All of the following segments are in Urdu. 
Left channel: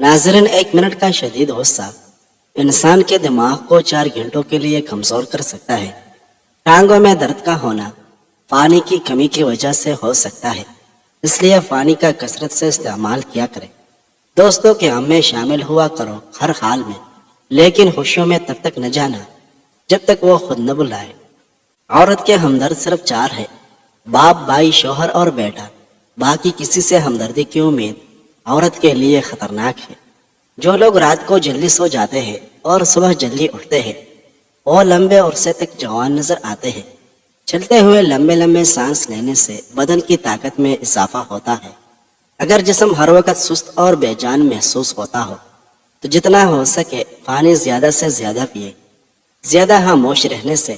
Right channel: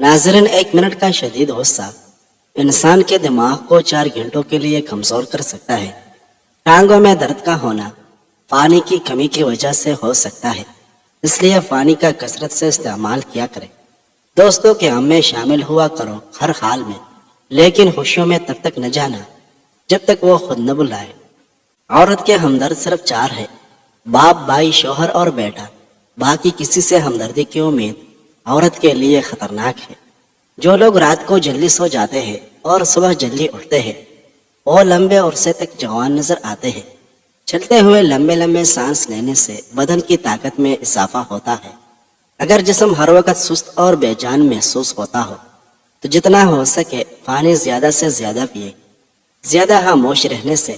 ناظرین، 1 منٹ کا شدید غصہ انسان کے دماغ کو 4 گھنٹوں کے لیے کمزور کر سکتا ہے۔ ٹانگوں میں درد کا ہونا پانی کی کمی کی وجہ سے ہو سکتا ہے، اس لیے پانی کا کثرت سے استعمال کیا کریں۔ دوستوں کے غم میں شامل ہوا کرو ہر حال میں، لیکن خوشیوں میں تب تک نہ جانا جب تک وہ خود نہ بلائے۔ عورت کے ہمدرد صرف 4 ہے: باپ، بھائی، شوہر اور بیٹا۔ باقی کسی سے ہمدردی کی امید عورت کے لیے خطرناک ہے۔ جو لوگ رات کو جلدی سو جاتے ہیں اور صبح جلدی اٹھتے ہیں وہ لمبے عرصے تک جوان نظر آتے ہیں۔ چلتے ہوئے لمبے لمبے سانس لینے سے بدن کی طاقت میں اضافہ ہوتا ہے۔ اگر جسم ہر وقت سست اور بے جان محسوس ہوتا ہو تو جتنا ہو سکے پانی زیادہ سے زیادہ پیے۔ زیادہ خاموش رہنے سے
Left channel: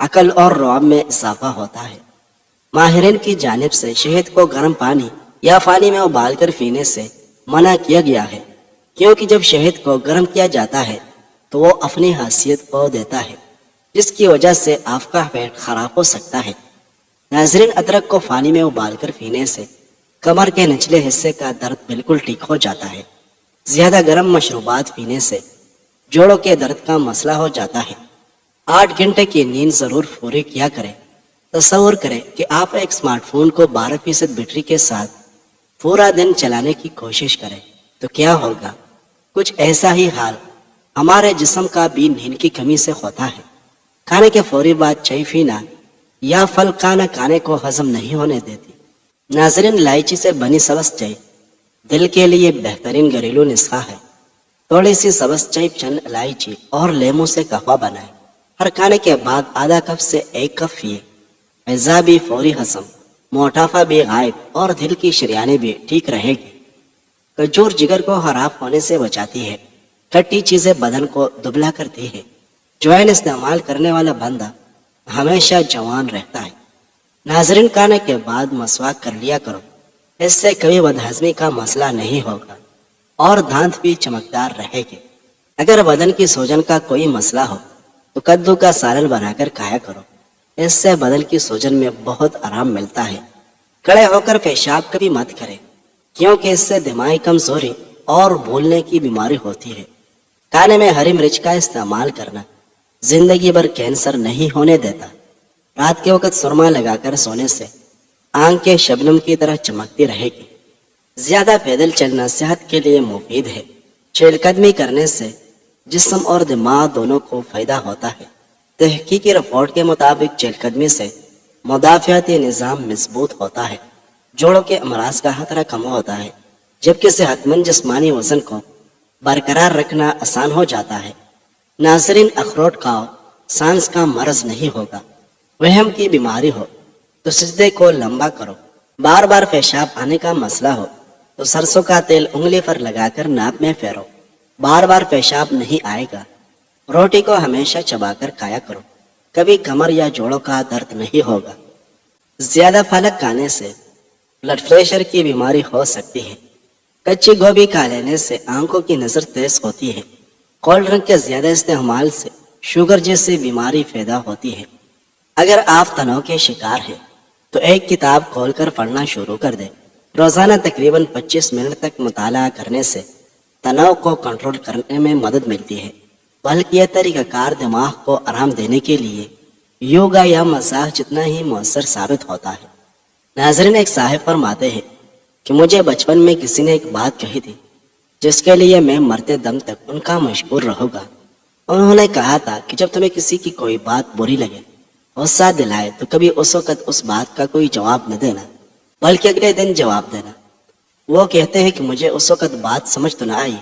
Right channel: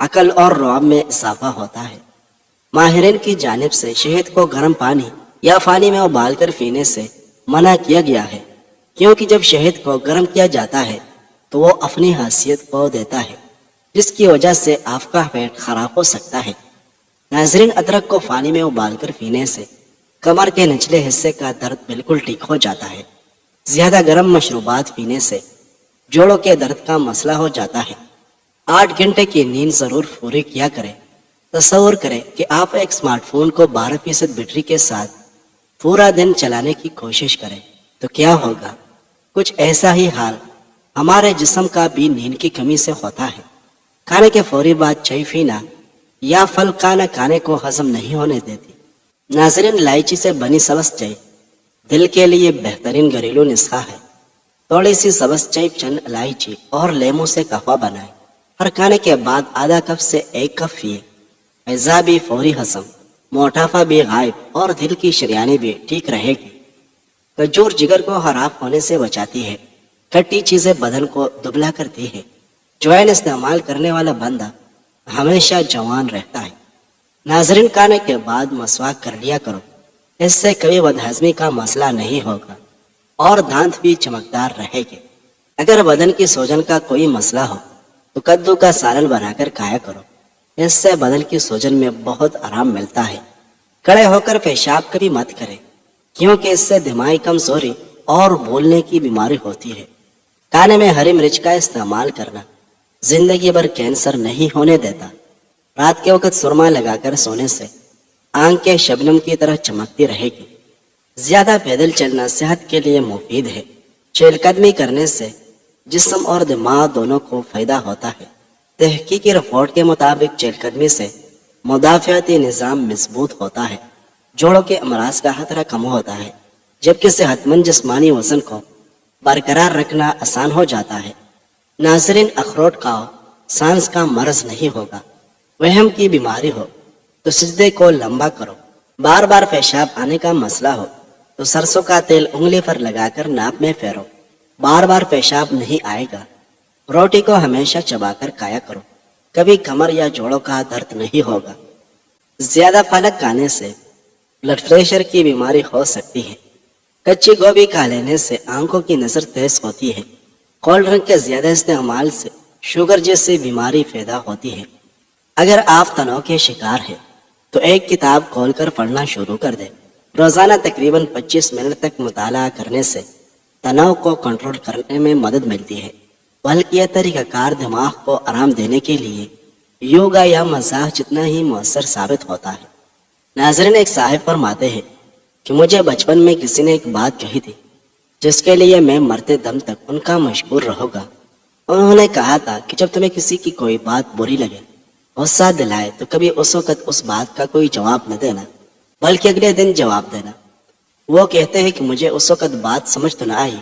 عقل اور رعب میں اضافہ ہوتا ہے۔ ماہرین کی جانب سے شہد کو گرم پانی یا پانی میں ابال کر پینے سے منع کیا گیا ہے، کیونکہ جب شہد کو گرم کیا جاتا ہے تو وہ اپنی حیثیت کھو دیتا ہے، جس کی وجہ سے آپ کا پیٹ خراب ہو سکتا ہے۔ ناظرین، ادرک کو پانی میں ابال کر پینے سے کمر کے نچلے حصے کا درد بالکل ٹھیک ہو جاتا ہے۔ زیادہ گرم مشروبات پینے سے جوڑوں کے درد کا مسئلہ ہو جاتا ہے۔ 8 گھنٹے کی نیند ضرور پوری کیا کریں۔ تصور کریں کہ آپ ایک اسمارٹ فون کو 12% بیٹری کے ساتھ پورا دن چلانے کی کوشش کریں تو کیا ہوگا؟ کچھ ایسا ہی حال ہمارے جسم کا بھی نیند کی کمی سے ہوتا ہے۔ کھانے کے فوری بعد چائے پینا یا پھل کھانا کھانے کو ہضم نہیں ہونے دیتی۔ ناظرین، الائچی سے بنی سبز چائے دل کے لیے بہترین گھریلو نسخہ ہے۔ تھوڑی سی سبز چائے، چند الائچی اور لیموں سے قہوہ بنائیں۔ ہر کھانے کے بعد آدھا کپ سے 1 کپ پیے۔ اعضاء بھی فوری ہضم، موٹاپا بھی غائب اور دل کی شریانیں بھی ٹھیک رہے گی۔ کھجور جگر کو خراب ہونے سے بچاتی ہے۔ کھٹی چیزیں بدن کو دبلا کرتی ہے۔ جوائن استعمال کرنے والا بندہ ہمیشہ جوان رہتا ہے۔ ناظرین، کھانے کے بعد مسواک کر لیا کرو، اس سے کبھی بدہضمی کا مسئلہ نہیں ہوگا اور دانت بھی چمکدار رہے گی۔ اگر بدن کی سوجن کا کوئی مسئلہ ہو تو کدو کا سالن بنا کر کھایا کرو، اس سے بدن کی سوجن میں بہت آرام ملتا ہے۔ کھڑے ہو کر پیشاب کبھی مت کریں، کیونکہ اس سے دماغی کمزوری اور بھولنے کی بیماری ہوتی ہے۔ کھانے میں ہری مرچ کا استعمال کرنا زندگی بھر کینسر نہیں ہونے دیتا۔ رات کے وقت سرما لگا کر سونے سے آنکھیں شبنم کی طرح چمکتی رہے گی۔ زیادہ پیدل چلنا صحت کے لیے مفید ہے۔ چہل قدمی کرنے سے جسم اور دماغ دونوں کو فائدہ ہوتا ہے۔ تحقیقی رپورٹ کے مطابق چہل قدمی سے مدافعتی نظام مضبوط ہوتا ہے، جوڑوں کے امراض کا خطرہ کم ہوتا ہے، جبکہ صحت مند جسمانی وزن کو برقرار رکھنا آسان ہو جاتا ہے۔ ناظرین، اخروٹ کھاؤ، سانس کا مرض نہیں ہوگا۔ وہم کی بیماری ہو تو سجدے کو لمبا کرو۔ بار بار پیشاب آنے کا مسئلہ ہو تو سرسوں کا تیل انگلی پر لگا کر ناک میں پھیرو، بار بار پیشاب نہیں آئے گا۔ روٹی کو ہمیشہ چبا کر کھایا کرو، کبھی کمر یا جوڑوں کا درد نہیں ہوگا۔ زیادہ پالک کھانے سے بلڈ پریشر کی بیماری ہو سکتی ہے۔ کچی گوبھی کھا لینے سے آنکھوں کی نظر تیز ہوتی ہے۔ کولڈ ڈرنک کے زیادہ استعمال سے شوگر جیسی بیماری پیدا ہوتی ہے۔ اگر آپ تناؤ کے شکار ہیں تو ایک کتاب کھول کر پڑھنا شروع کر دیں۔ روزانہ تقریباً 25 منٹ تک مطالعہ کرنے سے تناؤ کو کنٹرول کرنے میں مدد ملتی ہے، بلکہ یہ طریقہ کار دماغ کو آرام دینے کے لیے یوگا یا مساج جتنا ہی مؤثر ثابت ہوتا ہے۔ ناظرین، ایک صاحب فرماتے ہیں کہ مجھے بچپن میں کسی نے ایک بات کہی تھی جس کے لیے میں مرتے دم تک ان کا مشکور رہوں گا۔ انہوں نے کہا تھا کہ جب تمہیں کسی کی کوئی بات بری لگے، غصہ دلائے، تو کبھی اس وقت اس بات کا کوئی جواب نہ دینا، بلکہ اگلے دن جواب دینا۔ وہ کہتے ہیں کہ مجھے اس وقت بات سمجھ تو نہ آئی،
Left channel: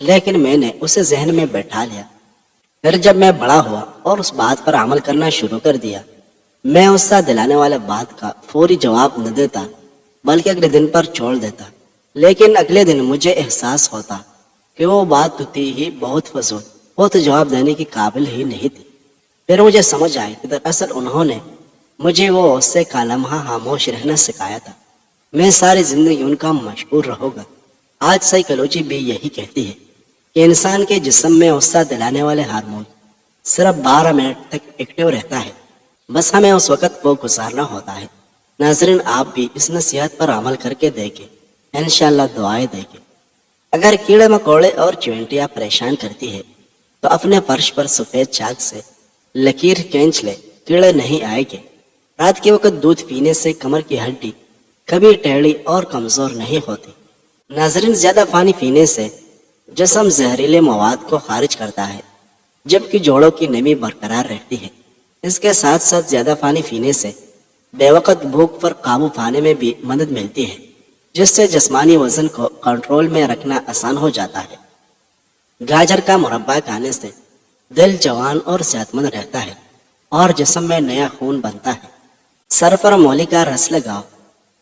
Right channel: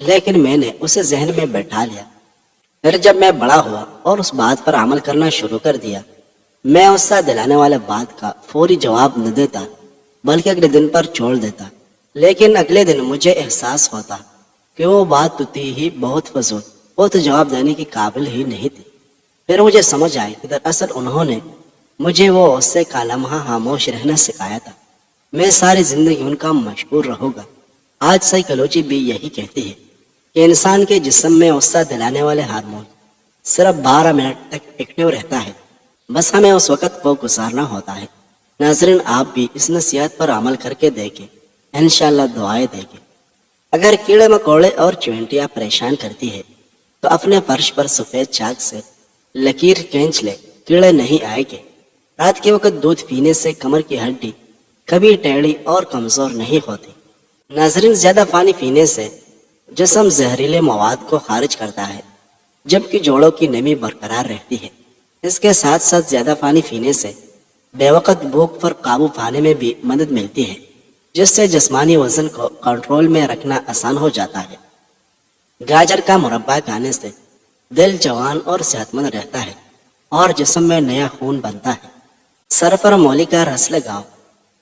لیکن میں نے اسے ذہن میں بیٹھا لیا۔ پھر جب میں بڑا ہوا اور اس بات پر عمل کرنا شروع کر دیا، میں غصہ دلانے والے بات کا فوری جواب نہ دیتا، بلکہ اگلے دن پر چھوڑ دیتا۔ لیکن اگلے دن مجھے احساس ہوتا کہ وہ بات تو تھی ہی بہت فضول، وہ تو جواب دینے کی قابل ہی نہیں تھی۔ پھر مجھے سمجھ آئی کہ دراصل انہوں نے مجھے وہ غصے کا لمحہ خاموش رہنا سکھایا تھا۔ میں ساری زندگی ان کا مشکور رہوں گا۔ آج سائیکالوجی بھی یہی کہتی ہے کہ انسان کے جسم میں غصہ دلانے والے ہارمون صرف 12 منٹ تک ایکٹیو رہتا ہے، بس ہمیں اس وقت کو گزارنا ہوتا ہے۔ ناظرین، آپ بھی اس نصیحت پر عمل کر کے دیکھیں، انشاءاللہ دعائیں دیں گے۔ اگر کیڑے مکوڑے اور چیونٹیاں پریشان کرتی ہے تو اپنے فرش پر سفید چاک سے لکیر کھینچ لے، کیڑے نہیں آئے گے۔ رات کے وقت دودھ پینے سے کمر کی ہڈی کبھی ٹیڑھی اور کمزور نہیں ہوتی۔ ناظرین، زیادہ پانی پینے سے جسم زہریلے مواد کو خارج کرتا ہے جبکہ جوڑوں کی نمی برقرار رہتی ہے۔ اس کے ساتھ ساتھ زیادہ پانی پینے سے بے وقت بھوک پر قابو پانے میں بھی مدد ملتی ہے، جس سے جسمانی وزن کو کنٹرول میں رکھنا آسان ہو جاتا ہے۔ گاجر کا مربع کھانے سے دل جوان اور صحت مند رہتا ہے اور جسم میں نیا خون بنتا ہے۔ سر پر مولی کا رس لگاؤ،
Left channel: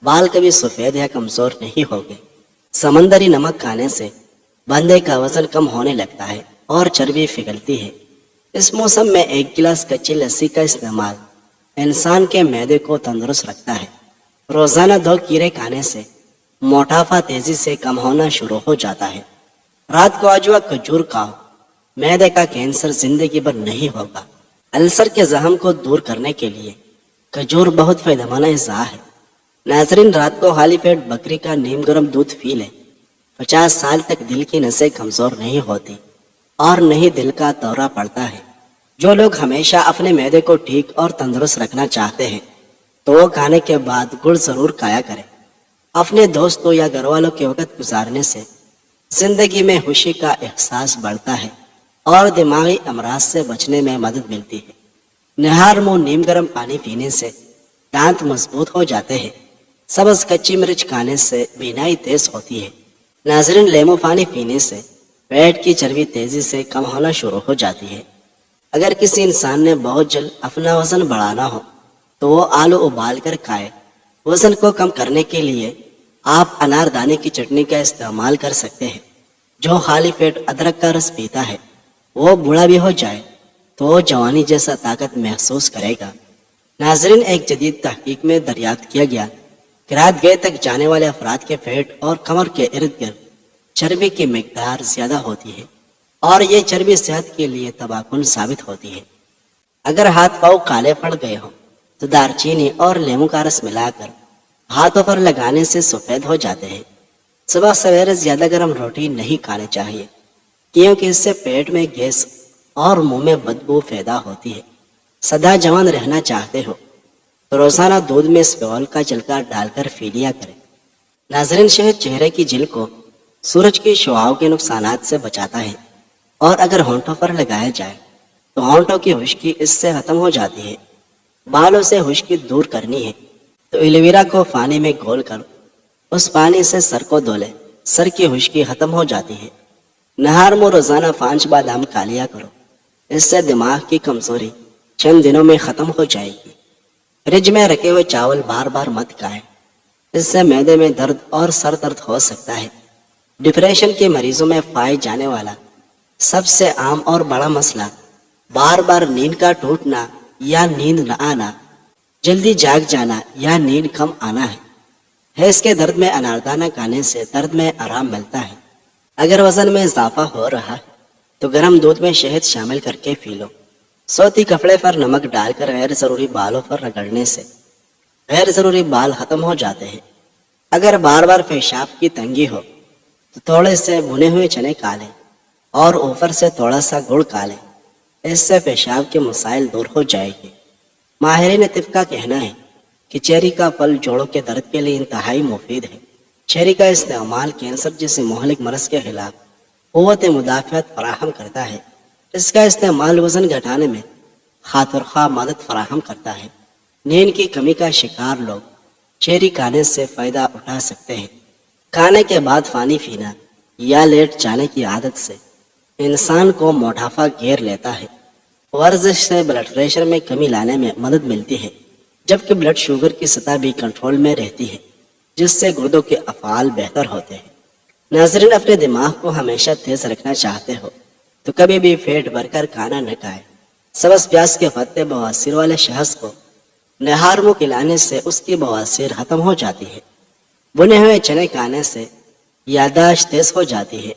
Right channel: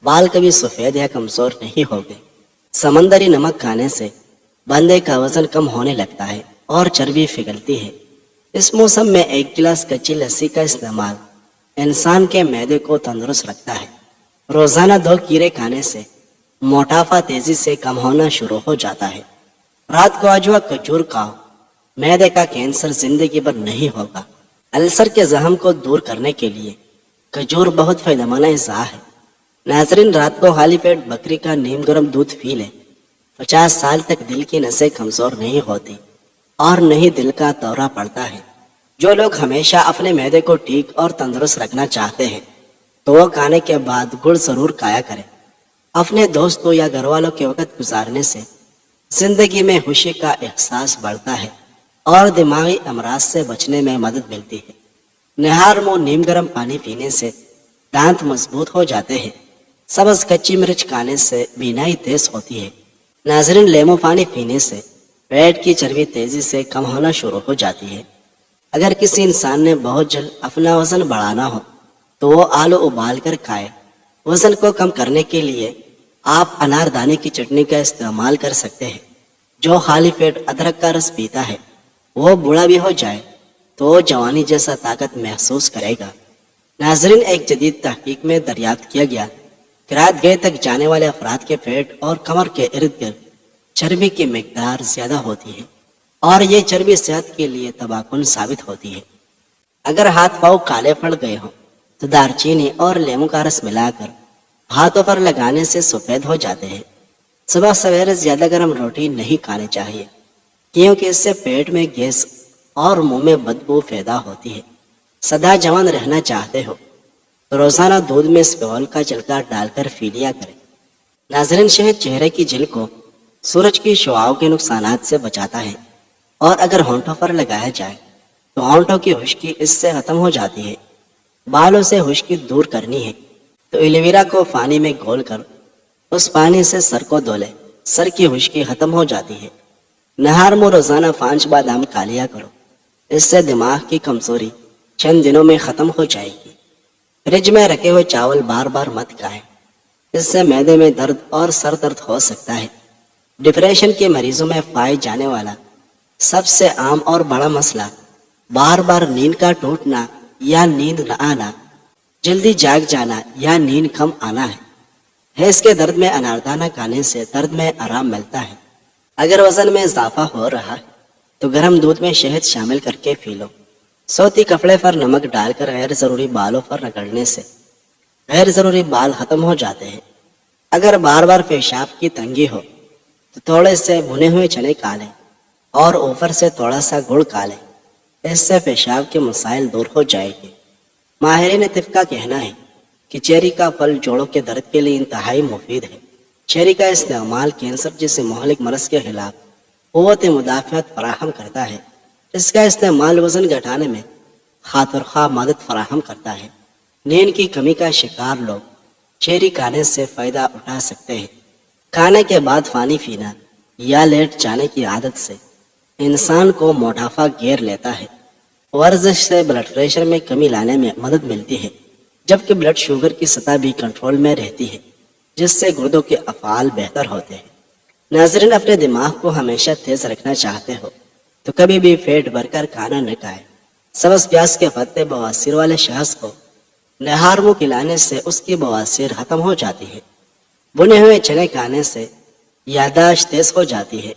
بال کبھی سفید یا کمزور نہیں ہوگے۔ سمندری نمک کھانے سے بندے کا وزن کم ہونے لگتا ہے اور چربی پگھلتی ہے۔ اس موسم میں 1 گلاس کچی لسی کا استعمال انسان کے معدے کو تندرست رکھتا ہے۔ روزانہ 2 کیڑے کھانے سے موٹاپا تیزی سے کم ہونا شروع ہو جاتا ہے۔ رات کو اجوا کھجور کھاؤ، معدے کا کینسر زندگی بھر نہیں ہوگا۔ السر کے زخم کو دور کرنے کے لیے کھجور بہت فائدہ مند غذا ہے۔ ناظرین، رات کو خالی پیٹ بکری کا نیم گرم دودھ پی لیں۔ 50 سال تک دل کی نسیں کمزور نہیں ہوتی اور نہیں دل کا دورہ پڑتا ہے۔ جو لوگ ہمیشہ اپنے معدے کو ٹھیک اور تندرست رکھنا چاہتے ہیں تو وہ کھانے کے بعد گڑ ضرور کھایا کریں۔ اپنے دوستوں یا گھر والوں کے وقت گزارنے سے زندگی میں خوشی کا احساس بڑھتا ہے اور دماغی امراض سے بچنے میں مدد ملتی ہے۔ نہار منہ نیم گرم پانی پینے سے دانت مضبوط ہو جاتے ہیں۔ سبز کچی مرچ کھانے سے بینائی تیز ہوتی ہے۔ ناظرین، لیمو پانی پینے سے پیٹ کی چربی تیزی سے کم ہونا شروع ہو جاتی ہے۔ اگر کسی انسان نے بہت جلد اپنا وزن بڑھانا ہو تو وہ آلو ابال کر کھائے۔ وزن کو کم کرنے کے لیے آپ انار دانے کی چٹنی کا استعمال کر سکتے ہیں۔ جو خالی پیٹ ادرک کا رس پیتا ہے وہ بوڑھا بھی ہو جائے تو وہ جوانی جیسا طاقت محسوس کرے گا۔ ناظرین، ایک جدید تحقیق میں دریافت کیا گیا کہ رات گئے تک جانے والے افراد کے پیٹ اور کمر کے ارد گرد چربی کی مقدار زیادہ ہوتی ہے اور یہ چربی صحت کے لیے تباہ کن ثابت ہوتی ہے۔ اگر ہاتھ پاؤں کالے پڑ گئے ہوں تو دار چینی اور لیمو کا رس ملا کر ہاتھوں پر لگانے سے سفید ہو جاتے ہیں۔ صبح سویرے زیادہ گرم روٹی نہیں کھانی چاہیے کیونکہ اس سے پیٹ میں گیس اور منہ میں بدبو پیدا ہوتی ہے۔ سدا جوان رہنا چاہتے ہو تو روزانہ دودھ میں اسپول کا چھلکا ڈال کر پی لیا کریں۔ ناظرین، شہد چہرے کی جلد کو سورج کی شعاؤں کے نقصانات سے بچاتا ہے اور اگر ہونٹوں پر لگایا جائے تو ہونٹوں کی خشکی اس سے ختم ہو جاتی ہے۔ بالوں سے خشکی دور کرنی ہے تو ایلویرا کو پانی میں گھول کر اس پانی سے سر کو دھو لیں۔ سر کی خشکی ختم ہو جاتی ہے۔ نہار منہ روزانہ 5 بادام کھا لیا کرو، اس سے دماغ کی کمزوری چند دنوں میں ختم ہو جائے گی۔ فریج میں رکھے ہوئے چاول بار بار مت کھائیں، اس سے معدے میں درد اور سر درد ہو سکتا ہے۔ ڈپریشن کے مریضوں میں پائے جانے والا سب سے عام اور بڑا مسئلہ بار بار نیند کا ٹوٹنا یا نیند نہ آنا، جلدی جاگ جانا یا نیند کم آنا ہے۔ حیض کے درد میں اناردانہ کھانے سے درد میں آرام ملتا ہے۔ اگر وزن میں اضافہ ہو رہا ہے تو گرم دودھ میں شہد شامل کر کے پی لو۔ سوتی کپڑے پر نمک ڈال کر غیر ضروری بالوں پر رگڑنے سے غیر ضروری بال ختم ہو جاتے ہیں۔ اگر بار بار پیشاب کی تنگی ہو تو تھوڑے سے بھنے ہوئے چنے کھا لیں اور اوپر سے تھوڑا سا گڑ کھا لیں، اس سے پیشاب کے مسائل دور ہو جائے گی۔ ماہرین طب کا کہنا ہے کہ چیری کا پھل جوڑوں کے درد کے لیے انتہائی مفید ہے۔ چیری کا استعمال کینسر جیسے مہلک مرض کے خلاف قوت مدافعت فراہم کرتا ہے۔ اس کا استعمال وزن گھٹانے میں خاطر خواہ مدد فراہم کرتا ہے۔ نیند کی کمی کا شکار لوگ چیری کھانے سے فائدہ اٹھا سکتے ہیں۔ کھانے کے بعد پانی پینا یا لیٹ جانے کی عادت سے انسان کو موٹاپا گھیر لیتا ہے۔ ورزش سے بلڈ پریشر میں کمی لانے میں مدد ملتی ہے جبکہ بلڈ شوگر کی سطح بھی کنٹرول میں رہتی ہے، جس سے گردوں کے افعال بہتر ہوتے ہیں۔ ناظرین، اپنے دماغ کو ہمیشہ تیز رکھنا چاہتے ہو تو کبھی بھی پیٹ بھر کر کھانا نہ کھائیں۔ سبز پیاز کے پتے بواسیر والے شخص کو نہار منہ کھلانے سے اس کی بواسیر ختم ہو جاتی ہے۔ بنے ہوئے چنے کھانے سے یادداشت تیز ہو جاتی ہے۔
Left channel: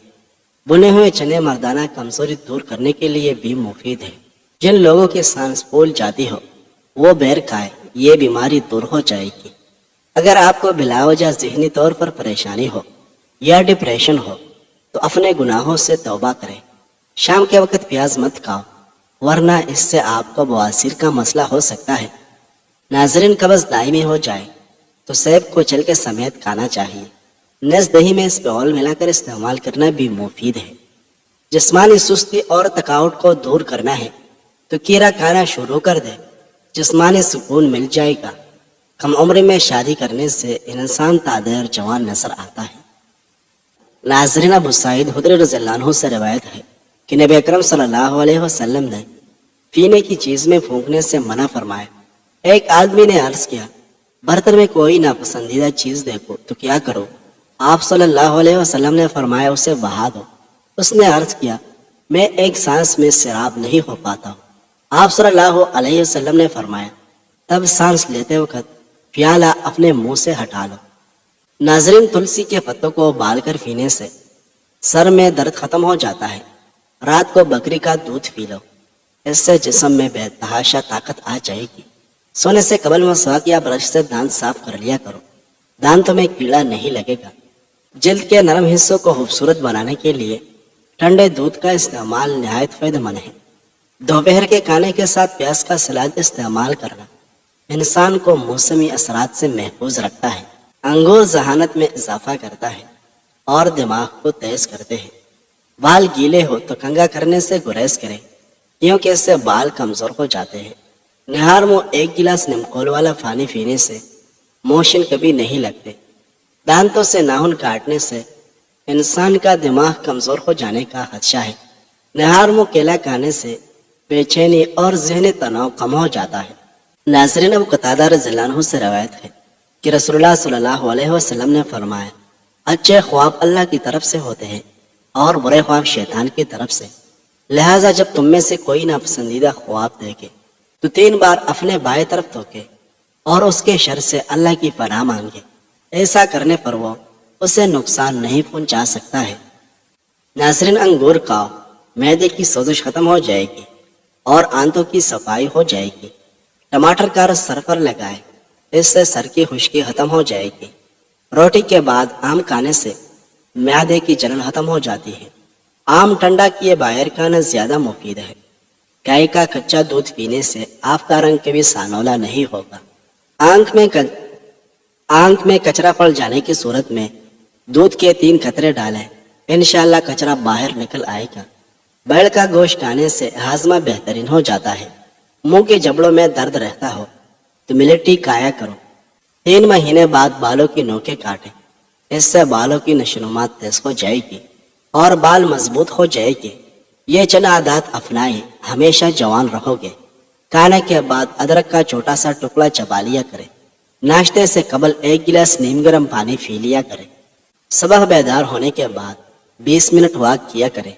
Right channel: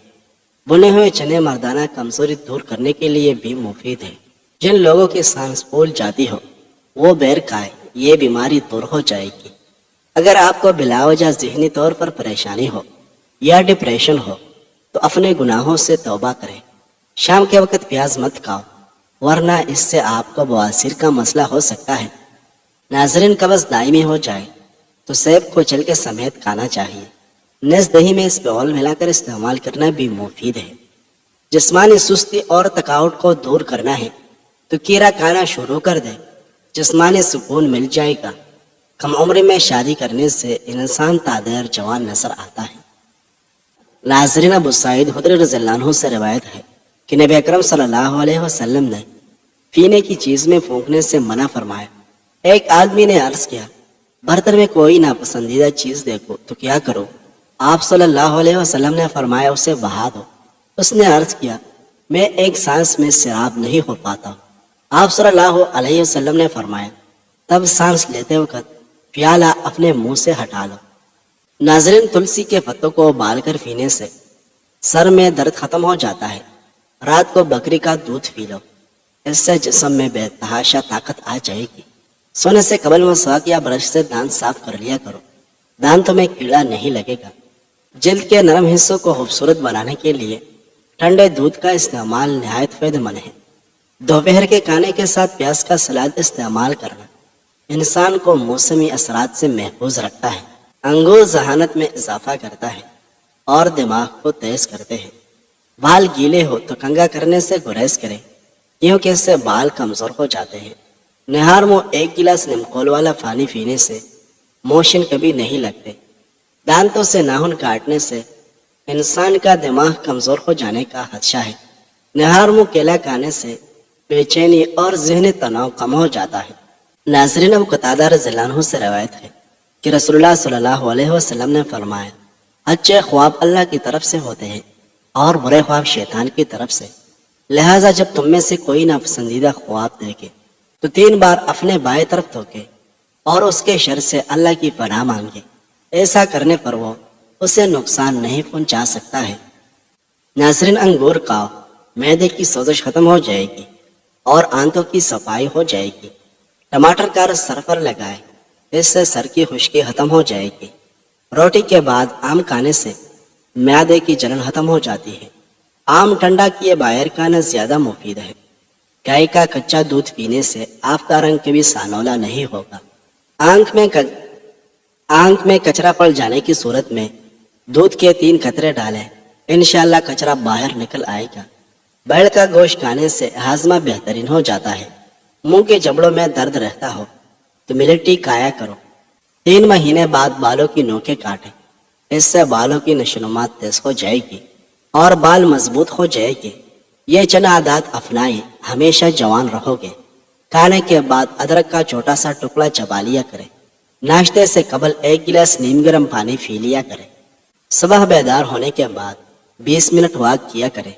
بنے ہوئے چنے مردانہ کمزوری دور کرنے کے لیے بھی مفید ہیں۔ جن لوگوں کی سانس پھول جاتی ہو وہ بیر کھائے، یہ بیماری دور ہو جائے گی۔ اگر آپ کو بلا وجہ ذہنی طور پر پریشانی ہو یا ڈپریشن ہو تو اپنے گناہوں سے توبہ کریں۔ شام کے وقت پیاز مت کھاؤ، ورنہ اس سے آپ کو بواسیر کا مسئلہ ہو سکتا ہے۔ ناظرین، قبض دائمی ہو جائے تو سیب کو چل کے سمیت کھانا چاہیے۔ نیز دہی میں اس پہ آئل ملا کر استعمال کرنا بھی مفید ہے۔ جسمانی سستی اور تھکاوٹ کو دور کرنا ہے تو کیرا کھانا شروع کر دے، جسمانی سکون مل جائے گا۔ کم عمری میں شادی کرنے سے انسان تادیر جوان نظر آتا ہے۔ ناظرین، ابو سعید خدری رضی اللہ عنہ سے روایت ہے کہ نبی اکرم صلی اللہ علیہ وسلم نے پینے کی چیز میں پھونکنے سے منع فرمایا۔ ایک آدمی نے عرض کیا، برتن میں کوئی ناپسندیدہ چیز دیکھو تو کیا کرو؟ آپ صلی اللہ علیہ وسلم نے فرمایا، اسے بہا دو۔ اس نے عرض کیا، میں ایک سانس میں سیراب نہیں ہو پاتا ہوں۔ آپ صلی اللہ علیہ وسلم نے فرمایا، تب سانس لیتے وقت پیالہ اپنے منہ سے ہٹا لو۔ ناظرین، تلسی کے پتوں کو ابال کر پینے سے سر میں درد ختم ہو جاتا ہے۔ رات کو بکری کا دودھ پی لو، اس سے جسم میں بے تحاشا طاقت آ جائے گی۔ سونے سے قبل مسواک یا برش سے دانت صاف کر لیا کرو، دانتوں میں کیڑا نہیں لگے گا۔ جلد کے نرم حصوں کو خوبصورت بنانے کے لیے ٹھنڈے دودھ کا استعمال نہایت فائدہ مند ہے۔ دوپہر کے کھانے کے ساتھ پیاز کا سلاد استعمال کرنا انسان کو موسمی اثرات سے محفوظ رکھتا ہے۔ انگور ذہانت میں اضافہ کرتا ہے اور دماغ کو تیز کرتے ہیں۔ بال گیلے ہو تو کنگھا کرنے سے گریز کریں، کیونکہ اس سے بال کمزور ہو جاتے ہیں۔ نہار میں 1 گلاس نمکول والا پانی پینے سے موشن کبھی نہیں لگتے۔ دانتوں سے ناخن کاٹنے سے انسان کا دماغ کمزور ہو جانے کا خدشہ ہے۔ نہار میں کیلا کھانے سے بے چینی اور ذہنی تناؤ کم ہو جاتا ہے۔ ناظرین، ابو قتادہ رضی اللہ عنہ سے روایت ہے کہ رسول اللہ صلی اللہ علیہ وسلم نے فرمایا، اچھے خواب اللہ کی طرف سے ہوتے ہیں اور برے خواب شیطان کی طرف سے۔ لہٰذا جب تم میں سے کوئی ناپسندیدہ خواب دیکھے تو 3 بار اپنے بائیں طرف توکے اور اس کے شر سے اللہ کی پناہ مانگے۔ ایسا کرنے پر وہ اسے نقصان نہیں پہنچا سکتا ہے۔ ناظرین، انگور کھاؤ، معدے کی سوزش ختم ہو جائے گی اور آنتوں کی صفائی ہو جائے گی۔ ٹماٹر کا رس سر پر لگائے، اس سے سر کی خشکی ختم ہو جائے گی۔ روٹی کے بعد آم کھانے سے معدے کی جلن ختم ہو جاتی ہے۔ آم ٹھنڈا کیے بغیر کھانا زیادہ مفید ہے۔ گائے کا کچا دودھ پینے سے آپ کا رنگ کبھی سانولا نہیں ہوگا۔ آنکھ میں کچرا پڑ جانے کی صورت میں دودھ کے 3 قطرے ڈالیں، انشاءاللہ کچرا باہر نکل آئے گا۔ بیل کا گوشت کھانے سے ہاضمہ بہترین ہو جاتا ہے۔ منہ کے جبڑوں میں درد رہتا ہو تو ملیٹی کھایا کرو۔ 3 مہینے بعد بالوں کی نوکیں کاٹیں، اس سے بالوں کی نشوونما تیز ہو جائے گی اور بال مضبوط ہو جائے گی۔ یہ چند عادات اپنائیں، ہمیشہ جوان رہو گے۔ کھانے کے بعد ادرک کا چھوٹا سا ٹکڑا چبا لیا کریں۔ ناشتے سے قبل 1 گلاس نیم گرم پانی پی لیا کریں۔ صبح بیدار ہونے کے بعد 20 منٹ واک کیا کریں۔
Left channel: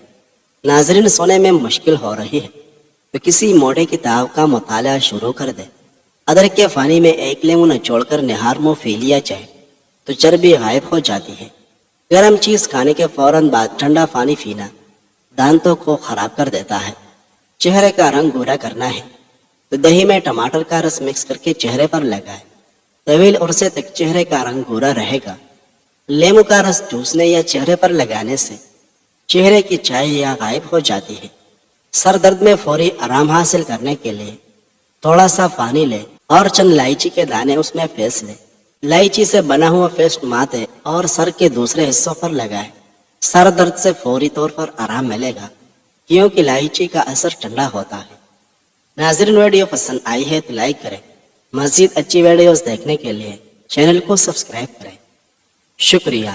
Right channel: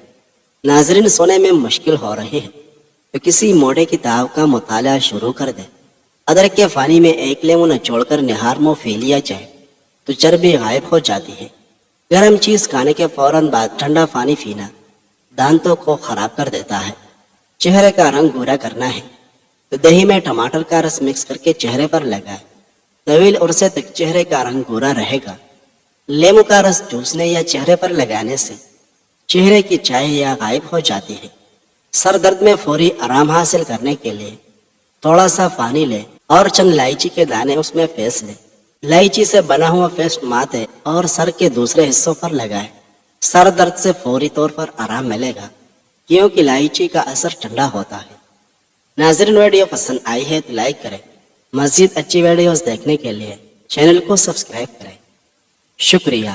ناظرین، سونے میں مشکل ہو رہی ہے تو کسی موٹے کتاب کا مطالعہ شروع کر دیں۔ ادرک کے پانی میں 1 لیمو نچوڑ کر نہار میں پی لیا جائے تو چربی غائب ہو جاتی ہے۔ گرم چیز کھانے کے فوراً بعد ٹھنڈا پانی پینا دانتوں کو خراب کر دیتا ہے۔ چہرے کا رنگ گورا کرنا ہے تو دہی میں ٹماٹر کا رس مکس کر کے چہرے پر لگائیں، طویل عرصے تک چہرے کا رنگ گورا رہے گا۔ لیمو کا رس چوسنے یا چہرے پر لگانے سے چہرے کی چاہیاں غائب ہو جاتی ہے۔ سر درد میں فوری آرام حاصل کرنے کے لیے تھوڑا سا پانی لیں اور چند الائچی کے دانے اس میں پیس لیں۔ الائچی سے بنا ہوا پیسٹ ماتھے اور سر کے دوسرے حصوں پر لگائیں۔ سر درد سے فوری طور پر آرام ملے گا، کیونکہ الائچی کا اثر ٹھنڈا ہوتا ہے۔ ناظرین، ویڈیو پسند آئی ہے تو لائک کریں۔ مزید اچھی ویڈیوز دیکھنے کے لیے چینل کو سبسکرائب کریں۔ شکریہ۔